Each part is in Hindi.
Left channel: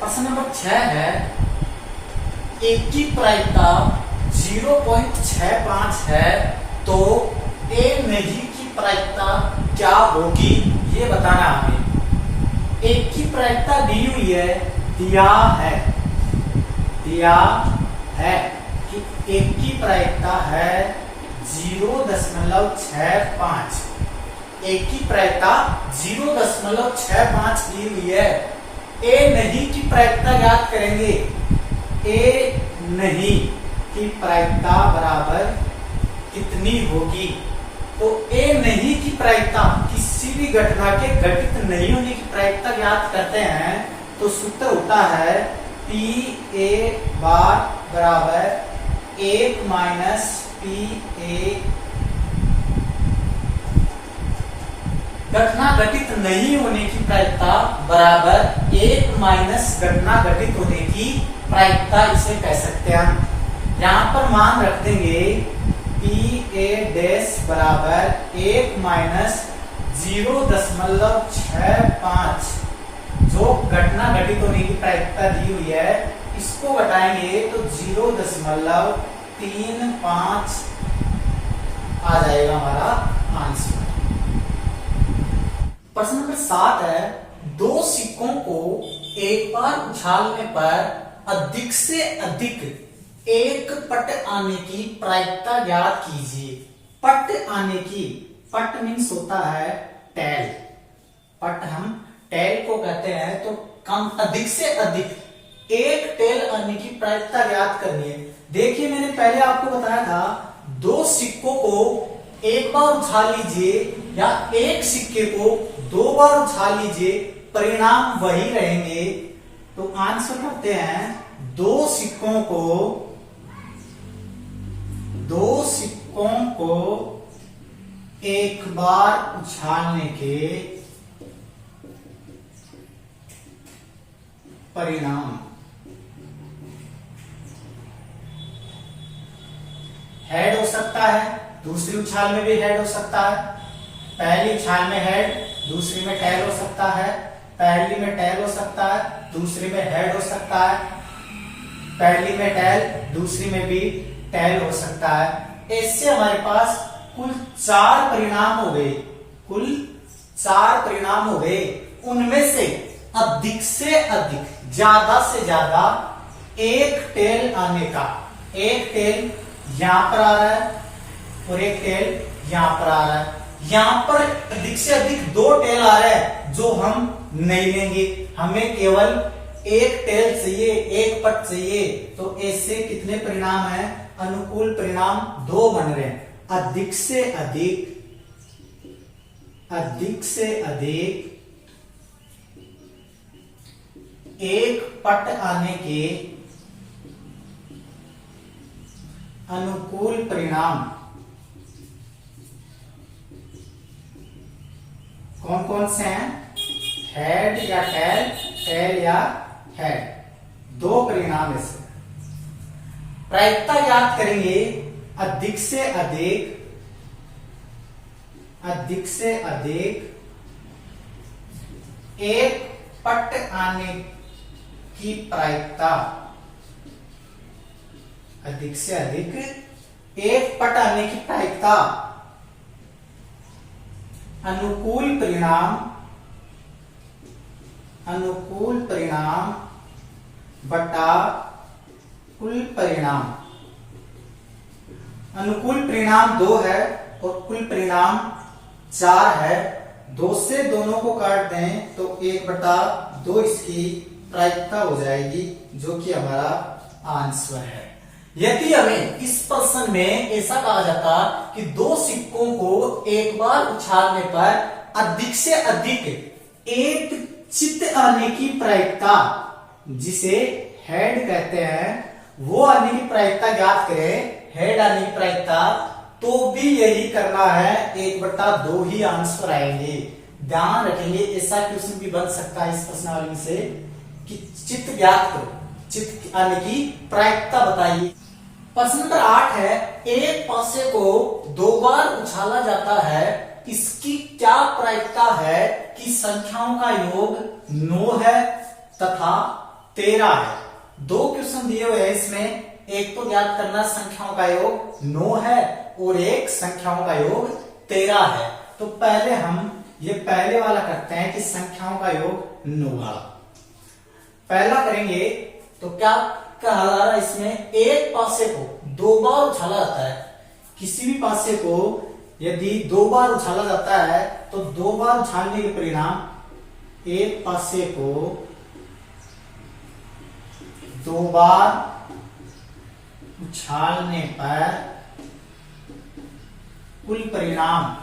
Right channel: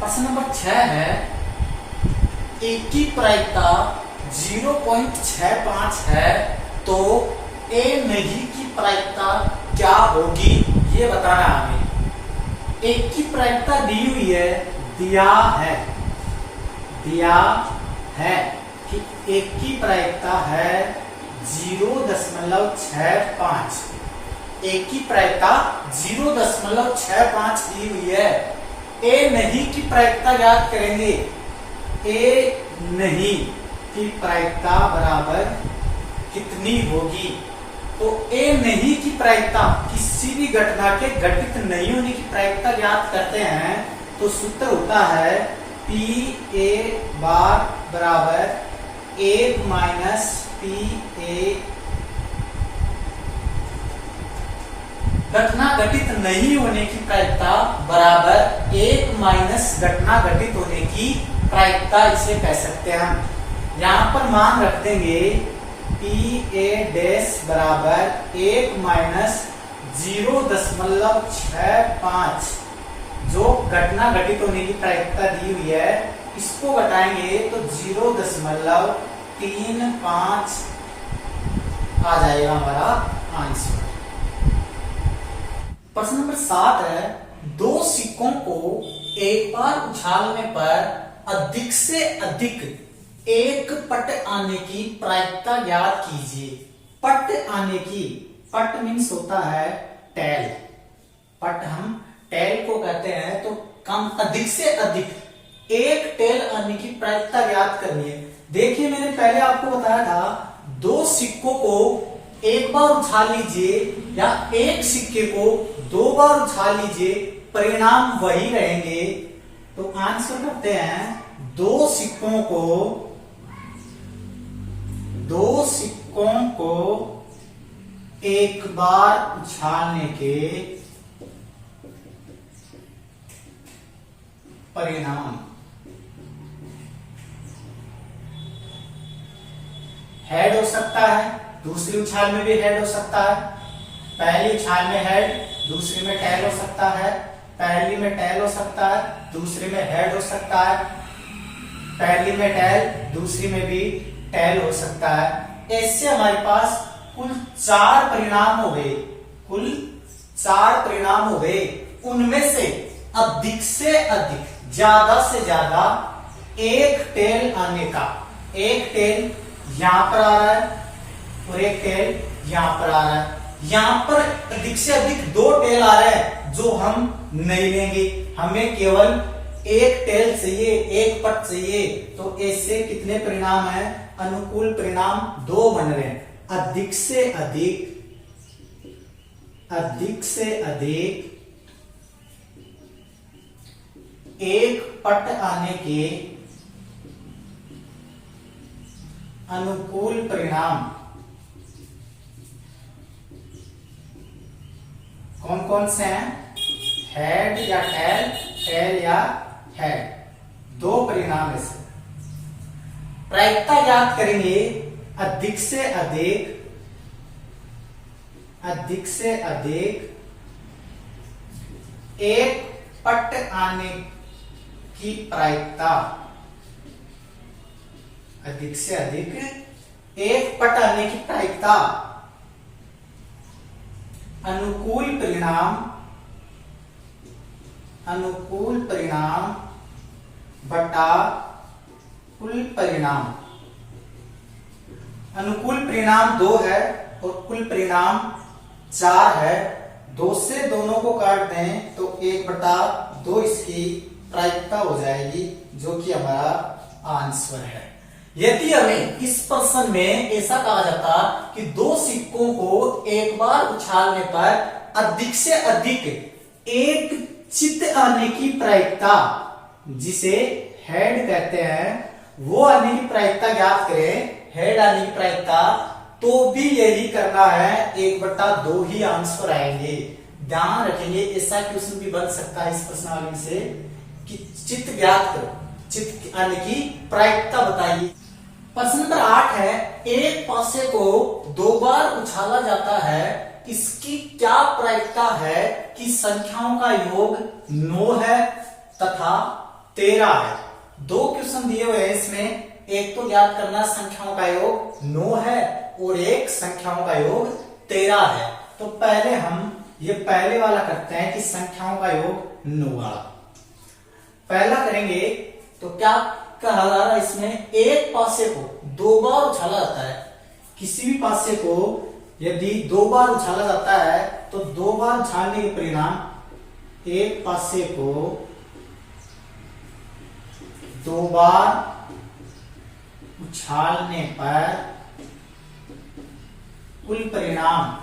प्रश्न नंबर 6 है, एक की प्रायिकता 0.65 है तो ए नहीं की प्रायिकता क्या होगी, ये बताना है हमें। एक की प्रायिकता दी हुई है, दिया है कि एक की प्रायिकता है 0.65। एक की प्रायिकता 0.65 दी हुई है। ए नहीं की प्रायिकता ज्ञात करेंगे। ए नहीं की प्रायिकता बराबर कितनी होगी, तो ए नहीं की प्रायिकता किसी भी घटना के घटित नहीं होने की प्रायिकता ज्ञात करते हैं तो सूत्र होता है पी ए बार बराबर 1 माइनस पी ए। घटना घटित नहीं होने की प्रायिकता बराबर 1 माइनस घटना घटित होने की प्रायिकता, इसे कह सकते हैं हम। यहां पर मान रख देंगे पी ए डैश बराबर 1 माइनस 0.65, जो घटना घटित होने की प्रायिकता दी हुई है, इसको घटाएंगे तो 0.35 आ जाएगा हमारा आंसर। प्रश्न नंबर 7 है, दो सिक्कों को एक बार उछालने पर अधिक से अधिक एक पट आने की प्रायिकता ज्ञात कीजिए। पट आने की, पट मीन्स होता है टेल, पट हम टेल को कहते हैं, तो कम अधिक से अधिक एक टेल आने की प्रायिकता ज्ञात करनी है। देखिए मैंने पहले आपको बताया था, दो सिक्कों को एक बार उछाल लीजिए या एक सिक्के को 2 बार उछाल लीजिए, परिणाम वही रहेंगे। तो आंसर करते हैं, दो सिक्कों को एक बार उछालने के परिणाम हेड हो सकता है, दूसरी उछाल में भी हेड हो सकता है। पहली उछाल में हेड, दूसरी में टेल हो सकता है। पहली में टेल हो सकता है, दूसरी में हेड हो सकता है। पहली में टेल, दूसरी में भी टेल हो सकता है। ऐसे हमारे पास कुल 4 परिणाम हो गए, कुल 4 परिणाम हो गए। उनमें से अधिक, ज्यादा से ज्यादा एक टेल आने का, एक टेल यहां पर आ रहा है और एक टेल यहां पर आ रहा है। यहां पर अधिक से अधिक 2 टेल आ रहे हैं जो हम नहीं लेंगे, हमें केवल एक टेल चाहिए, एक पट चाहिए। तो ऐसे कितने परिणाम हैं, अनुकूल परिणाम 2 बन रहे हैं। अधिक से अधिक एक पट आने के अनुकूल परिणाम कौन कौन से हैं, हेड या टेल, टेल या हेड, 2 परिणाम ऐसे। प्रायिकता ज्ञात करेंगे, अधिक से अधिक एक पट आने की प्रायिकता, अधिक से अधिक एक पट आने की प्रायिकता अनुकूल परिणाम बटा कुल परिणाम। अनुकूल परिणाम 2 है और कुल परिणाम 4 है। 2 से दोनों को काट दें तो 1/2 इसकी प्रायिकता हो जाएगी, जो कि हमारा आंसर है। यदि हमें इस प्रश्न में ऐसा कहा जाता कि 2 सिक्कों को एक बार उछालने पर अधिक से अधिक एक चित्त आने की प्रायिकता, जिसे हेड कहते हैं, वो आने की प्रायिकता ज्ञात करें, हेड आने की प्रायिकता, तो भी यही करना है, 1/2 ही आंसर आएंगे। ध्यान रखेंगे, ऐसा क्वेश्चन भी बन सकता है इस प्रश्नावली से कि चित्त ज्ञात करो, चित्त आने की प्रायिकता बताइए। प्रश्न नंबर 8 है, एक पासे को 2 बार उछाला जाता है, इसकी क्या प्रायिकता है कि संख्याओं का योग 9 है तथा 13 है। 2 क्वेश्चन दिए हुए हैं इसमें, एक तो ज्ञात करना संख्याओं का योग 9 है और एक संख्याओं का योग 13 है। तो पहले हम ये पहले वाला करते हैं कि संख्याओं का योग 9 वाला पहला करेंगे। तो क्या कहा जा रहा है इसमें, एक पासे को 2 बार उछाला जाता है। किसी भी पासे को यदि 2 बार उछाला जाता है तो 2 बार उछालने के परिणाम एक पासे को 2 बार उछालने पर कुल परिणाम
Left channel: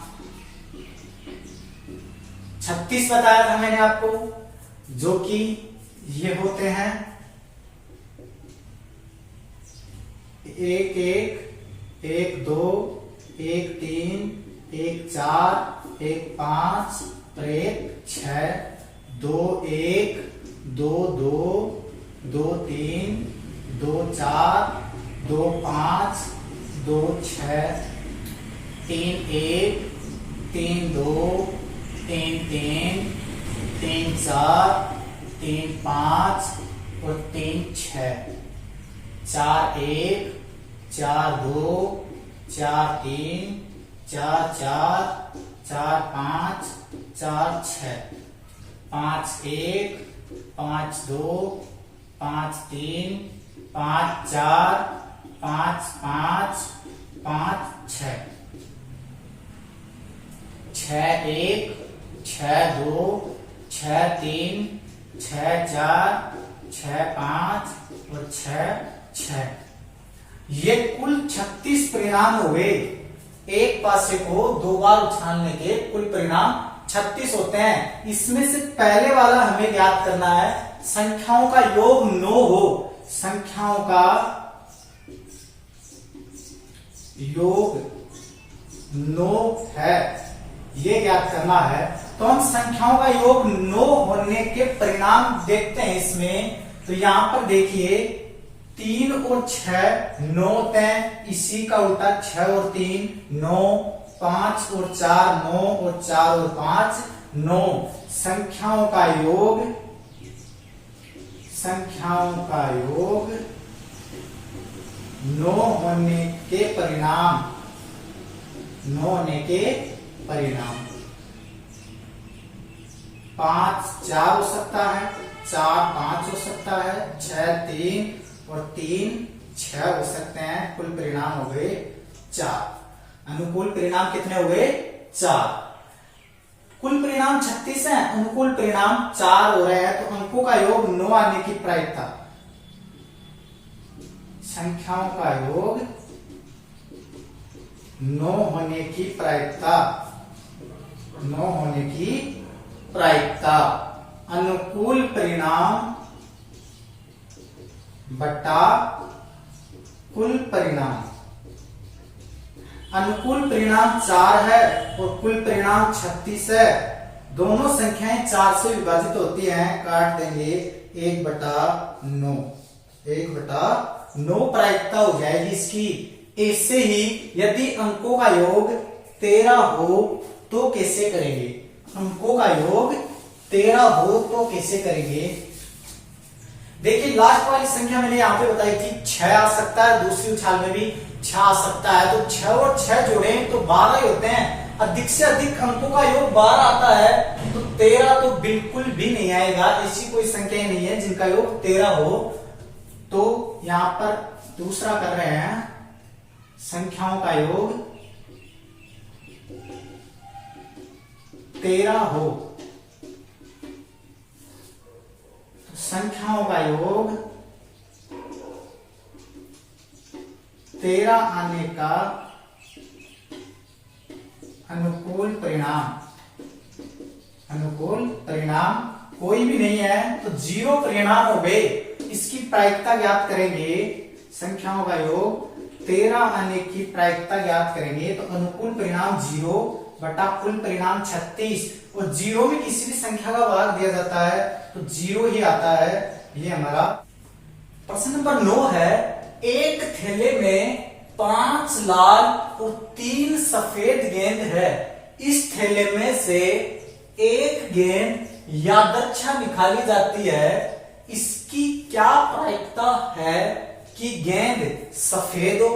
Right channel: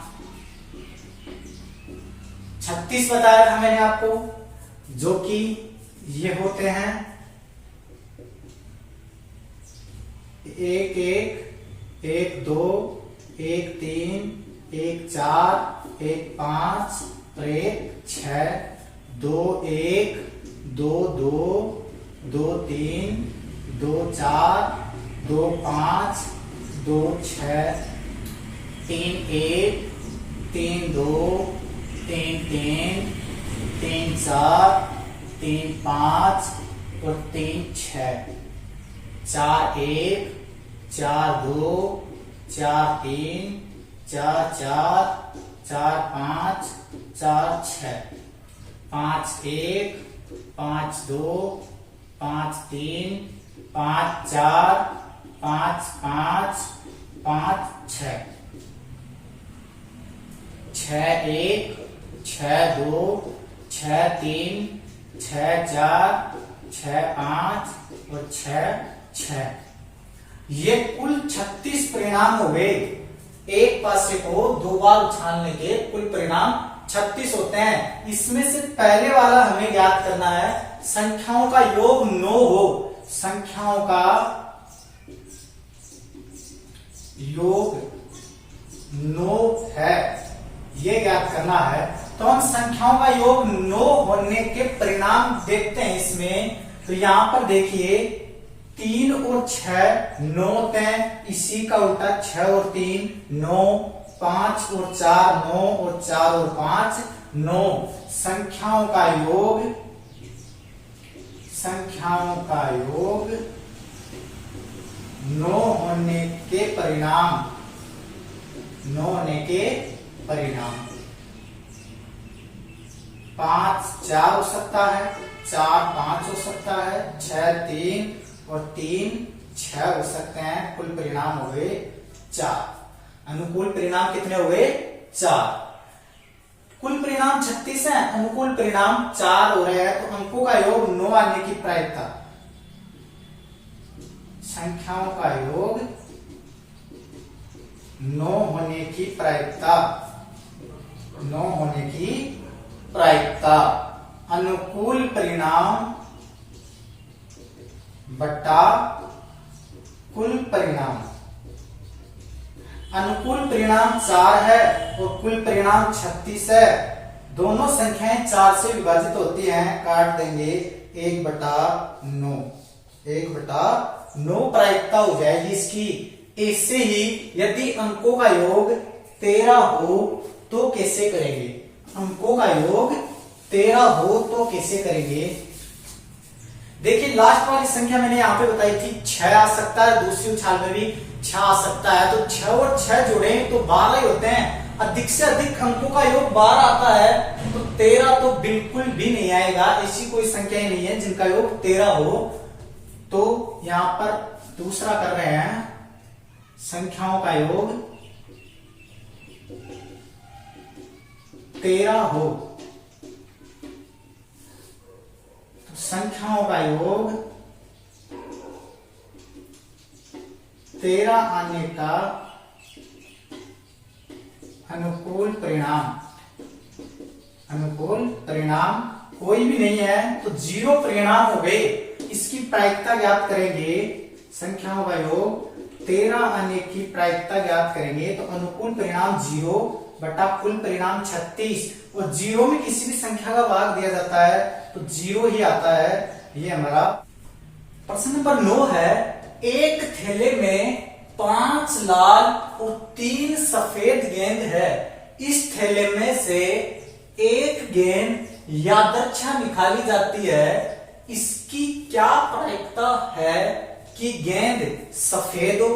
36 बताया था मैंने आपको, जो कि ये होते हैं 1 1 1 2 1 3 1 4 1 5 और 1 6 2 1 2 2 2 3 2 4 2 5 2 6 3 1 3 2 3 3 3 4 3 5 और 3 6 4 1 4 2 4 3 4 4 4 5 4 6 5 1 5 2 5 3 5 4 5 5 5 6 6 1 6 2 6 3 6 4 6 5 और 6 6। ये कुल 36 परिणाम हो गए। एक पासे को 2 बार उछालने के कुल परिणाम 36 होते हैं। इसमें से पहले वाला हमें ज्ञात करना है, संख्याओं का योग 9 हो, संख्याओं का योग 9 है, ये ज्ञात करना है। तो हम संख्याओं का योग 9 होने के परिणाम देखते हैं इसमें। तो यहां पर देखिए 3 और 6 9 होते हैं, इसी का उल्टा 6 और 3 9, 5 और 4 9 और 4 और 5 9। संख्याओं का योग 9 होने के परिणाम 5 4 हो सकता है, 4 5 हो सकता है, 6 3 और 3 6 हो सकते हैं। कुल परिणाम हो गए 4। अनुकूल परिणाम कितने हो गए? 4। कुल परिणाम 36 है, अनुकूल परिणाम 4 हो रहे हैं। तो अंकों का योग 9 आने की प्रायिकता, संख्याओं का योग 9 होने की प्रायिकता, 9 होने की प्रायिकता अनुकूल परिणाम बटा कुल परिणाम। अनुकूल परिणाम 4 है और कुल परिणाम 36 है। दोनों संख्याएं 4 से विभाजित होती हैं, काट देंगे 1/9, 1/9 प्रायिकता हो जाएगी इसकी। ऐसे ही यदि अंकों का योग 13 हो तो कैसे करेंगे? अंकों का योग 13 हो तो कैसे करेंगे? देखिए लास्ट वाली संख्या मैंने यहां पे बताई थी 6 आ सकता है, दूसरी उछाल में भी 6 आ सकता है। तो 6 और 6 जोड़े तो 12 ही होते हैं। अधिक से अधिक अंकों का योग 12 आता है, तो 13 तो बिल्कुल भी नहीं आएगा। ऐसी कोई संख्या ही नहीं है जिनका योग 13 हो। तो यहां पर दूसरा कर रहे हैं, संख्याओं का योग 13 हो, तो संख्याओं का योग 13 आने का अनुकूल परिणाम कोई भी नहीं है, तो 0 परिणाम हो गए। इसकी प्रायिकता ज्ञात करेंगे, संख्याओं का योग 13 आने की प्रायिकता ज्ञात करेंगे। तो अनुकूल परिणाम 0 बटा कुल परिणाम 36, और 0 में किसी भी संख्या का भाग दिया जाता है तो 0 ही आता है। ये हमारा प्रश्न नंबर 9 है। एक थैले में 5 लाल और 3 सफेद गेंद है। इस थैले में से एक गेंद यादृच्छा निकाली जाती है, इसकी क्या प्रायिकता है कि गेंद सफेद हो,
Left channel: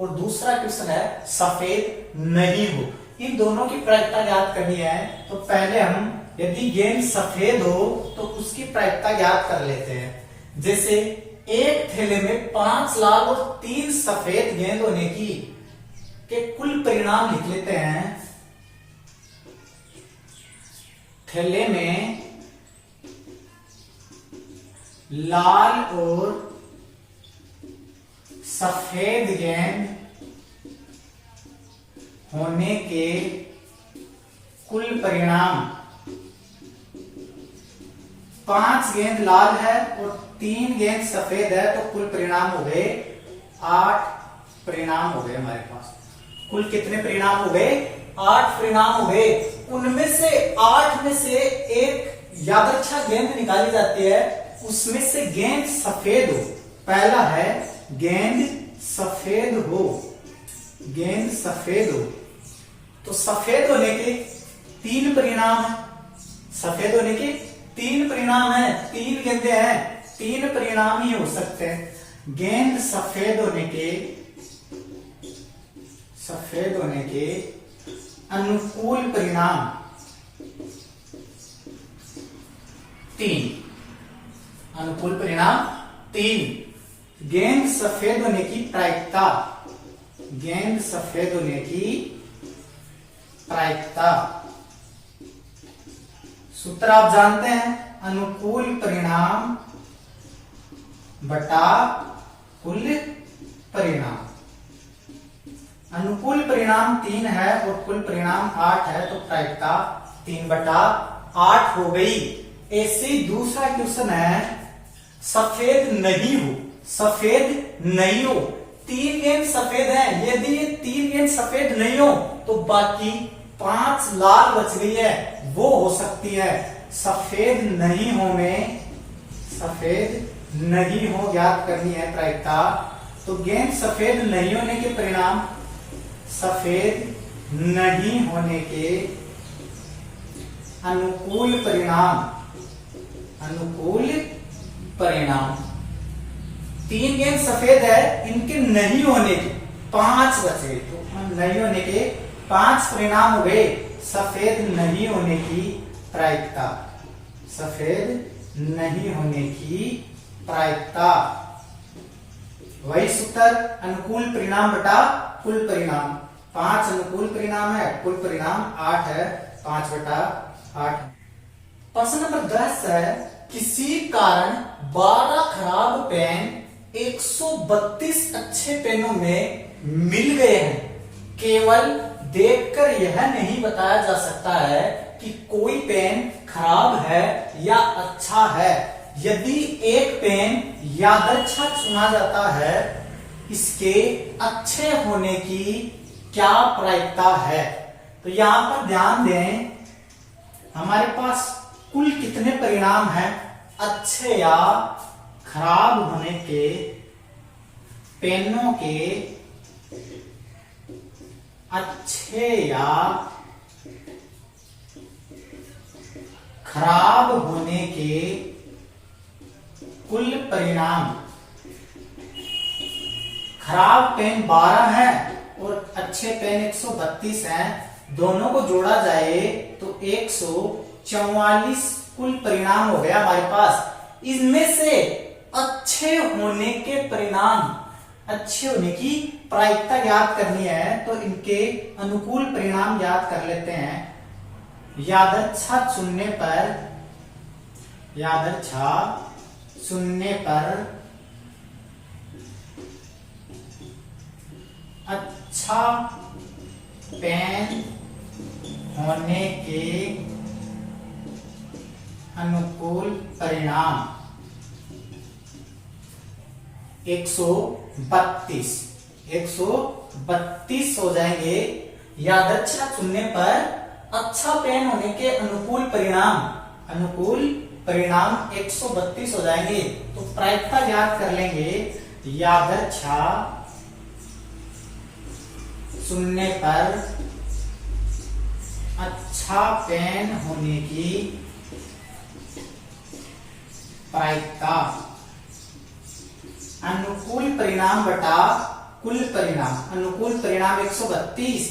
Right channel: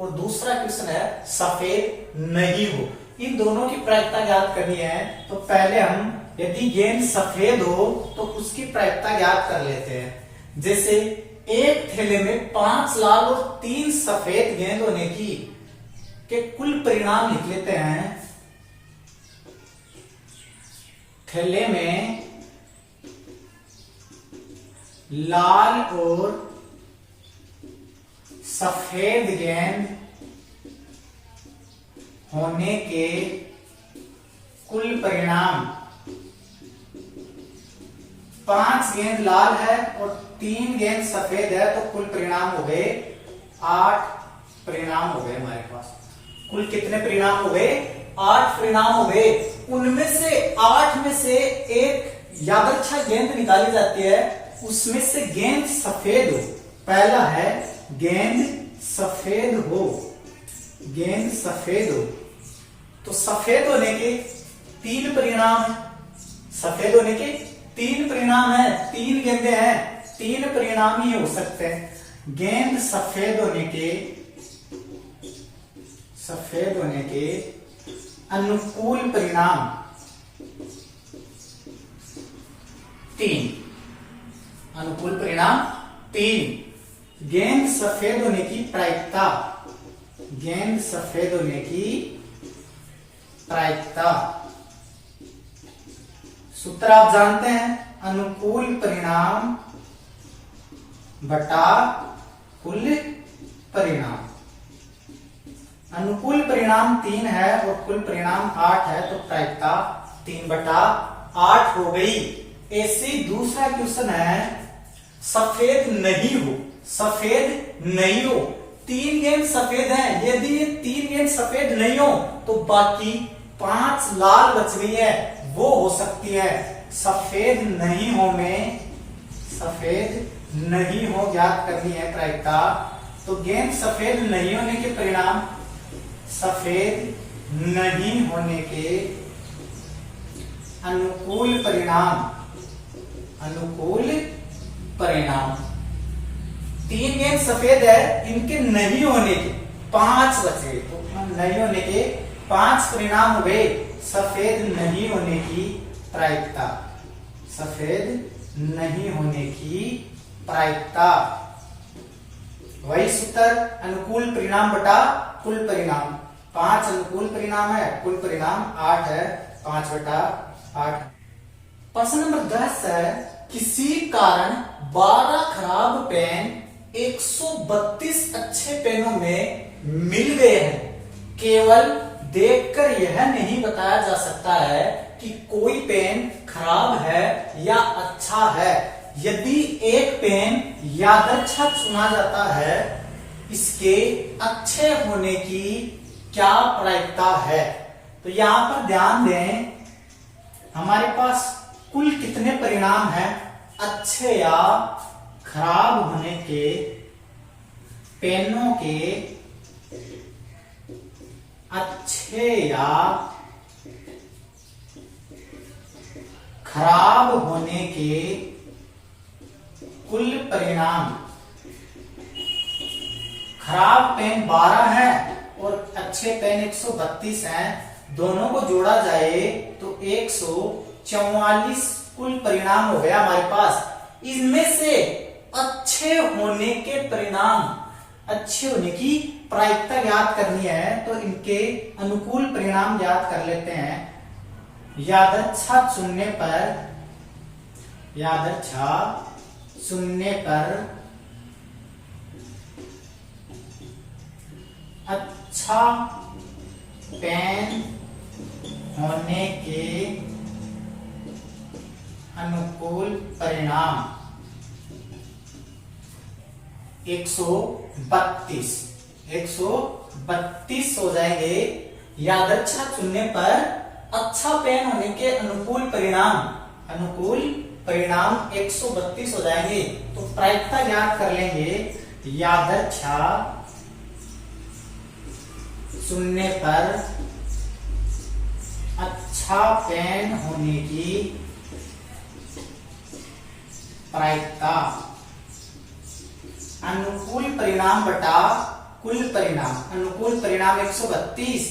और दूसरा क्वेश्चन है सफेद नहीं हो। इन दोनों की प्रायिकता ज्ञात करनी है। तो पहले हम यदि गेंद सफेद हो तो उसकी प्रायिकता ज्ञात कर लेते हैं। जैसे एक थैले में 5 लाल और 3 सफेद गेंद होने की के कुल परिणाम लिख लेते हैं। थैले में लाल और सफेद गेंद होने के कुल परिणाम, 5 गेंद लाल है और 3 गेंद सफेद है, तो कुल परिणाम हो गए 8 परिणाम हो गए हमारे पास। कुल कितने परिणाम हो गए? 8 परिणाम हो गए। उनमें से 8 में से एक यादृच्छिक गेंद निकाली जाती है, उसमें से गेंद सफेद हो। पहला है गेंद सफेद हो, गेंद सफेद हो। तो सफेद होने के 3 परिणाम है, सफेद होने के 3 परिणाम है, 3 गेंदें हैं, 3 परिणाम ही हो सकते हैं। गेंद सफेद होने के अनुकूल परिणाम 3, अनुकूल परिणाम 3। गेंद सफेद होने की प्रायिकता, गेंद सफेद होने की प्रायिकता, सूत्र आप जानते हैं, अनुकूल परिणाम बटा कुल परिणाम। अनुकूल परिणाम 3 है और कुल परिणाम 8 है, तो प्रायिकता 3/8 हो गई। ऐसे दूसरा क्वेश्चन है सफेद नहीं हो, सफेद नहीं हो। 3 गेंद सफेद हैं, यदि ये 3 गेंद सफेद नहीं हो तो बाकी 5 लाल बच गई है, वो हो सकती है। सफेद नहीं हो में, सफेद नहीं हो ज्ञात करनी है प्रायिकता। तो गेंद सफेद नहीं होने के परिणाम, सफेद नहीं होने के अनुकूल परिणाम, अनुकूल परिणाम। 3 गेंद सफेद है, इनके नहीं होने के 5 बचे, तो नहीं होने के 5 परिणाम हो गए। सफेद नहीं होने की प्रायिकता, सफेद नहीं होने की प्रायिकता, वही सूत्र, अनुकूल परिणाम बटा कुल परिणाम। 5 अनुकूल परिणाम है, कुल परिणाम 8 है, 5/8। प्रश्न नंबर 10 है, किसी कारण 12 खराब पेन 132 अच्छे पेनों में मिल गए हैं। केवल देखकर यह नहीं बताया जा सकता है कि कोई पेन खराब है या अच्छा है। यदि एक पेन यादृच्छिक चुना जाता है, इसके अच्छे होने की क्या प्रायिकता है? तो यहां पर ध्यान दें, हमारे पास कुल कितने परिणाम हैं अच्छे या खराब होने के पेनों के, अच्छे या खराब होने के कुल परिणाम। खराब पेन 12 है और अच्छे पेन 132 हैं, दोनों को जोड़ा जाए तो 144 कुल परिणाम हो गया हमारे पास। इनमें से अच्छे होने के परिणाम, अच्छे होने की प्रायिकता ज्ञात करनी है, तो इनके अनुकूल परिणाम ज्ञात कर लेते हैं। यादृच्छिक चुनने पर, यादृच्छिक चुनने पर अच्छा पेन होने के अनुकूल परिणाम 132 हो जाएंगे। यादृच्छिक चुनने पर अच्छा पेन होने के अनुकूल परिणाम, अनुकूल परिणाम 132 हो जाएंगे। तो प्रायिकता ज्ञात कर लेंगे, यादृच्छिक चुनने पर अच्छा पेन होने की प्रायिकता अनुकूल परिणाम बटा कुल परिणाम। अनुकूल परिणाम 132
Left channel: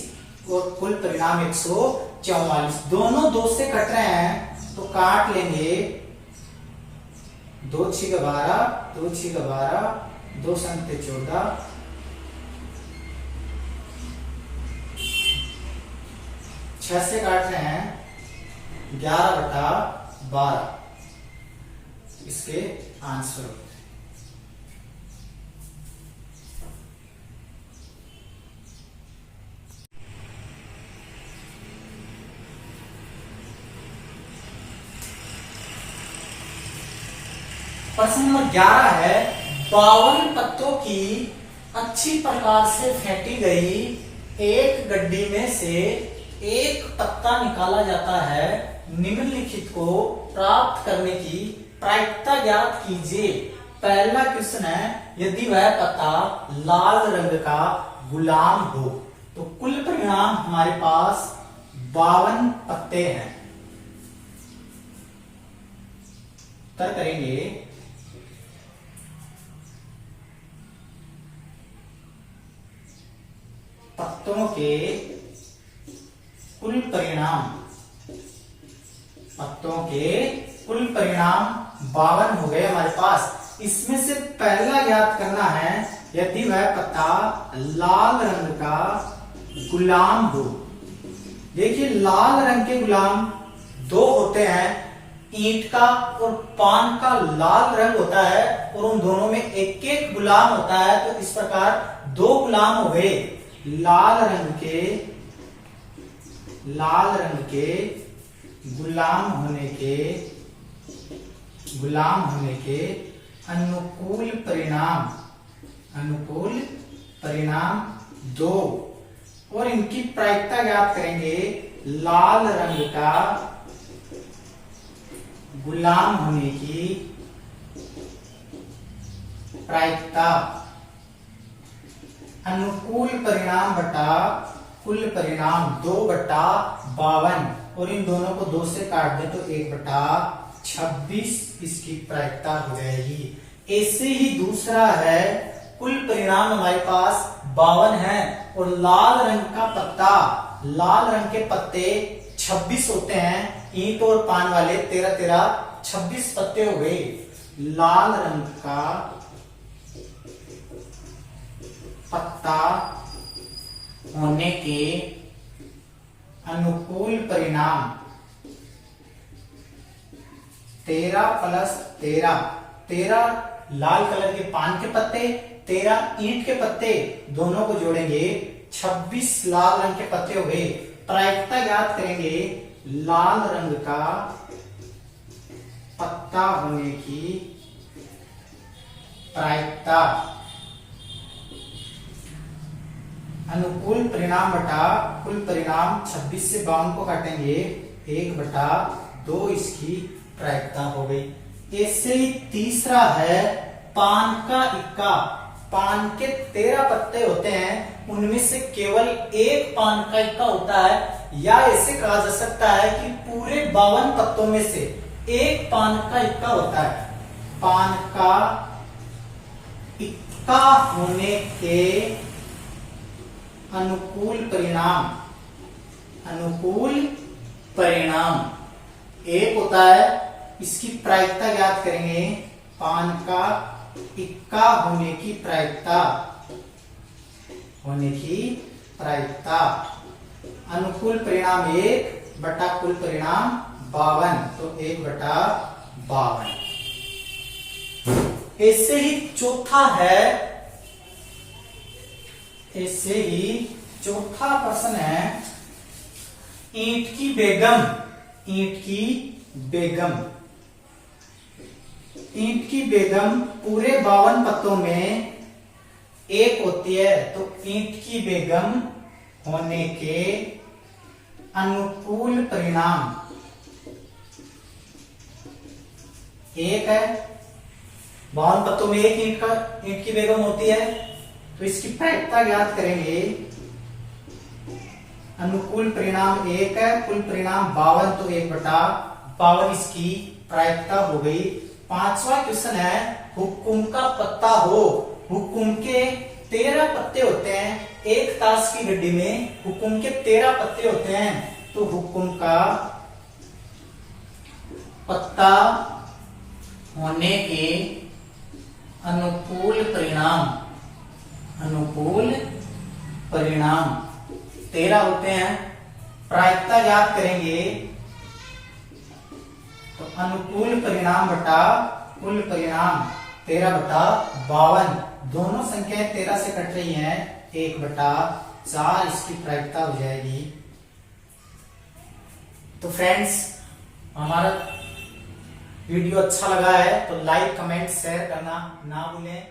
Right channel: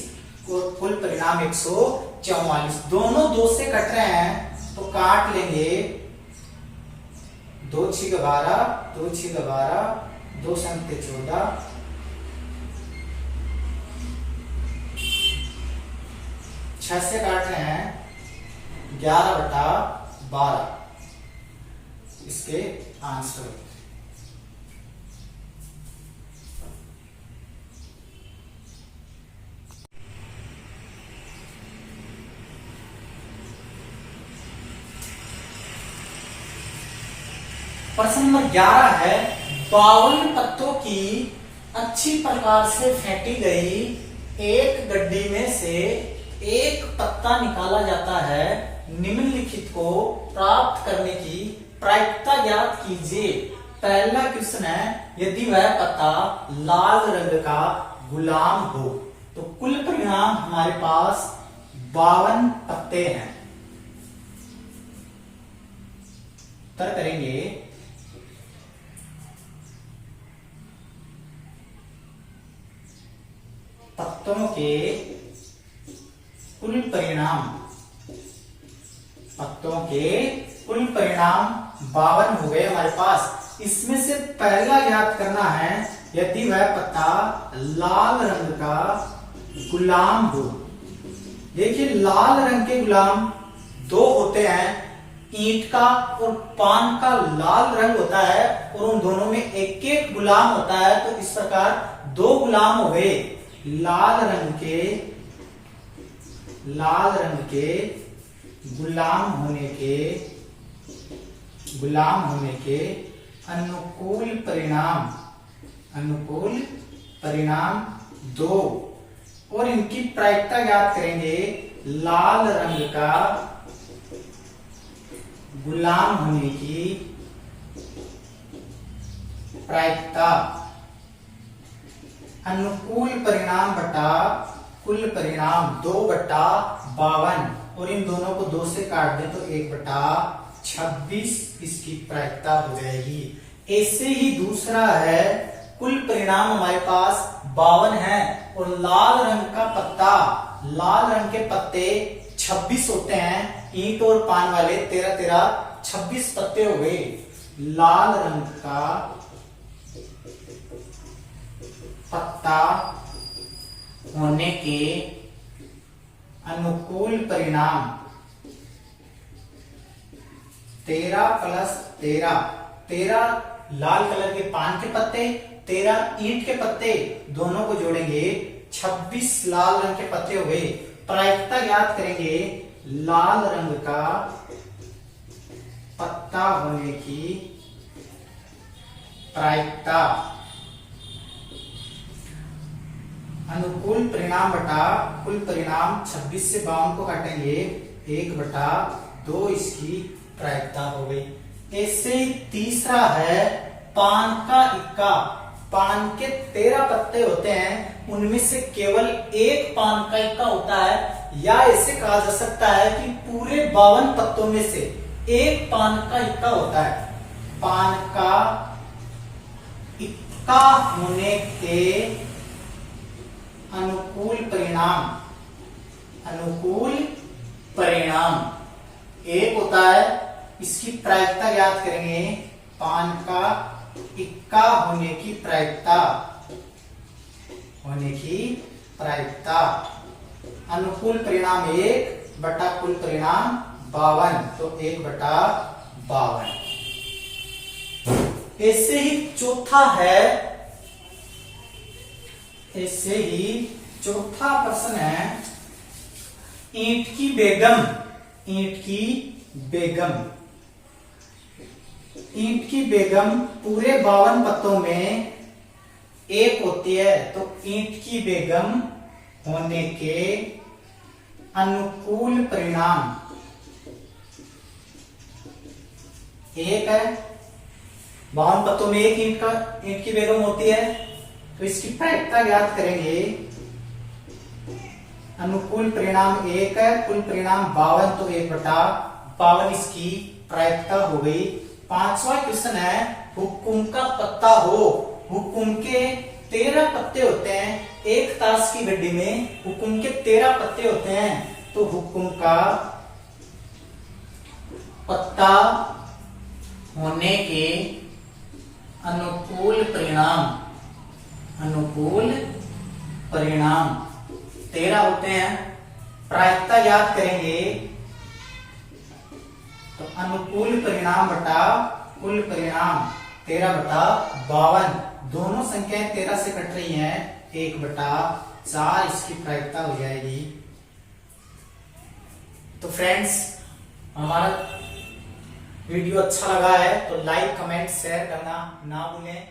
और कुल परिणाम 144। दोनों 2 से कट रहे हैं तो काट लेंगे। 2 6 12, 2 6 12, 2 संख्या 14, 6 से काट रहे हैं 11 बटा 12 इसके आंसर होते हैं। प्रश्न नंबर 11 है 52 पत्तों की अच्छी प्रकार से फेंटी गई एक गड्डी में से एक पत्ता निकाला जाता है। निम्नलिखित को प्राप्त करने की प्रायिकता ज्ञात कीजिए। पहला क्वेश्चन है यदि वह पत्ता लाल रंग का गुलाम हो तो कुल परिणाम हमारे पास 52 पत्ते हैं। उत्तर करेंगे पत्तों के कुल परिणाम, पत्तों के कुल परिणाम 52 हो गए हमारे पास। इसमें से पहला याद करना है यदि वह पत्ता लाल रंग का गुलाम हो। देखिए लाल रंग के गुलाम 2 होते हैं, ईंट का और पान का लाल रंग होता है और उन दोनों में एक एक गुलाम होता है। तो इस प्रकार 2 गुलाम हो गए। लाल रंग के गुलाम होने के अनुकूल परिणाम 2 और इनकी प्रायिकता ज्ञात करेंगे। लाल रंग का गुलाम होने की प्रायिकता अनुकूल परिणाम बटा कुल परिणाम 2 बटा 52 और इन दोनों को 2 से काट दे तो 1 बटा 26 इसकी प्रायिकता हो जाएगी। ऐसे ही दूसरा है कुल परिणाम हमारे पास 52 है और लाल रंग का पत्ता, लाल रंग के पत्ते 26 होते हैं, ईंट और पान वाले 13 13 26 पत्ते हो गए। लाल रंग का पत्ता होने के अनुकूल परिणाम 13 प्लस 13 लाल कलर के पान के पत्ते, 13 ईंट के पत्ते, दोनों को जोड़ेंगे 26 लाल रंग के पत्ते हो गए। प्रायिकता याद करेंगे लाल रंग का पत्ता होने की प्रायिकता अनुकूल परिणाम बटा कुल परिणाम 26 से 52 को काटेंगे 1 बटा 2 इसकी प्रायिकता हो गई। ऐसे ही तीसरा है पान का इक्का। पान के 13 पत्ते होते हैं, उनमें से केवल एक पान का इक्का होता है, या ऐसे कहा जा सकता है कि पूरे 52 पत्तों में से एक पान का इक्का होता है। पान का इक्का होने के अनुकूल परिणाम 1 होता है, इसकी प्रायिकता ज्ञात करेंगे। पान का इक्का होने की प्रायिकता अनुकूल परिणाम 1 बटा कुल परिणाम 52 तो 1 बटा 52। ऐसे ही चौथा प्रश्न है ईंट की बेगम पूरे 52 पत्तों में 1 होती है, तो ईंट की बेगम होने के अनुकूल परिणाम 1 है। 52 पत्तों में 1 ईंट की बेगम होती है, तो इसकी प्रायिकता ज्ञात करेंगे। अनुकूल परिणाम 1 है, कुल परिणाम 52 तो 1 बटा 52 इसकी प्रायिकता हो गई। 5वां क्वेश्चन है हुक्कुम का पत्ता हो। हुक्कुम के 13 पत्ते होते हैं। एक ताश की गड्डी में हुक्कुम के 13 पत्ते होते हैं। तो हुक्कुम का पत्ता होने के अनुकूल परिणाम 13 होते हैं। प्रायिकता याद करेंगे तो अनुकूल परिणाम बटा कुल परिणाम 13/52। दोनों संख्याएं 13 से कट रही हैं, 1/4 इसकी प्रायिकता हो जाएगी। तो फ्रेंड्स, हमारा वीडियो अच्छा लगा है तो लाइक कमेंट शेयर करना ना भूलें।